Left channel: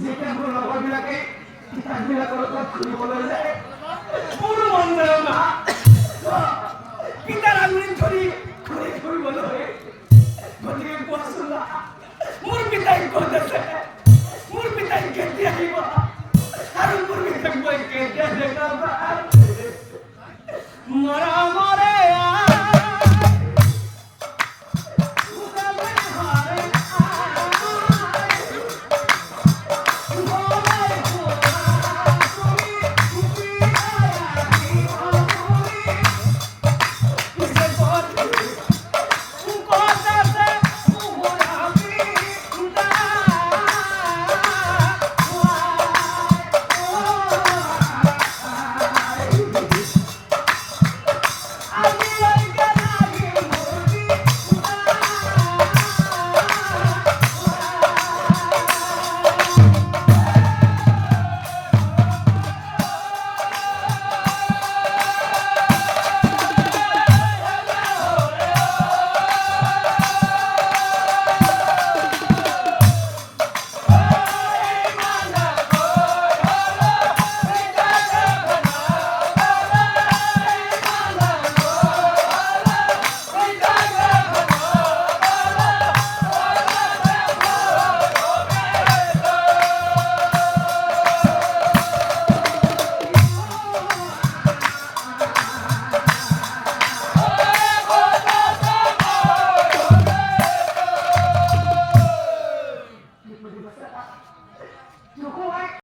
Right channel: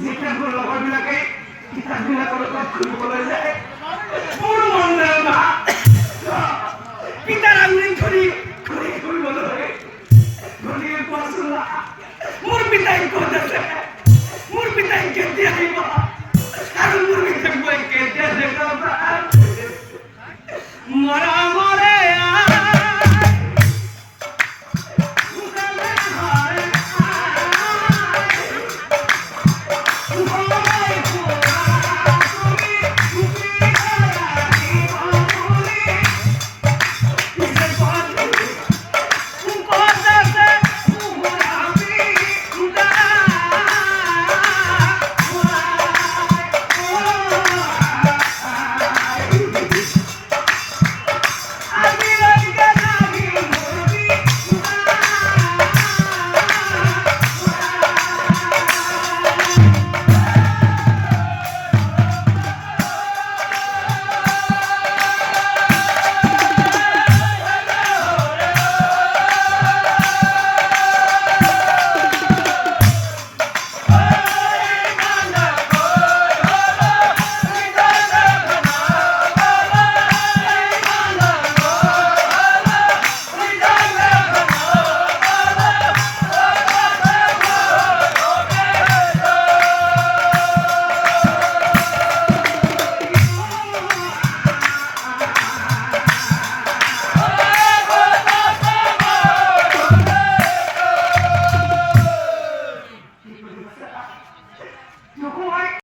যেটা কোনো লগরবিলাকে কিতাববিলাক লগত ঘূৰিবলৈ যায় মোৰ মন যায় মা পিতাৰ আঙুলি ধৰি ঘূৰি ফুৰিবলৈ গতিকে কোৱাচোন মা মোৰ পিতাই ক'ত আছে মোৰ পিতাই কেতিয়া আহিব আৰু মোৰ পিতাক মই কেতিয়া দেখাম মৰমৰে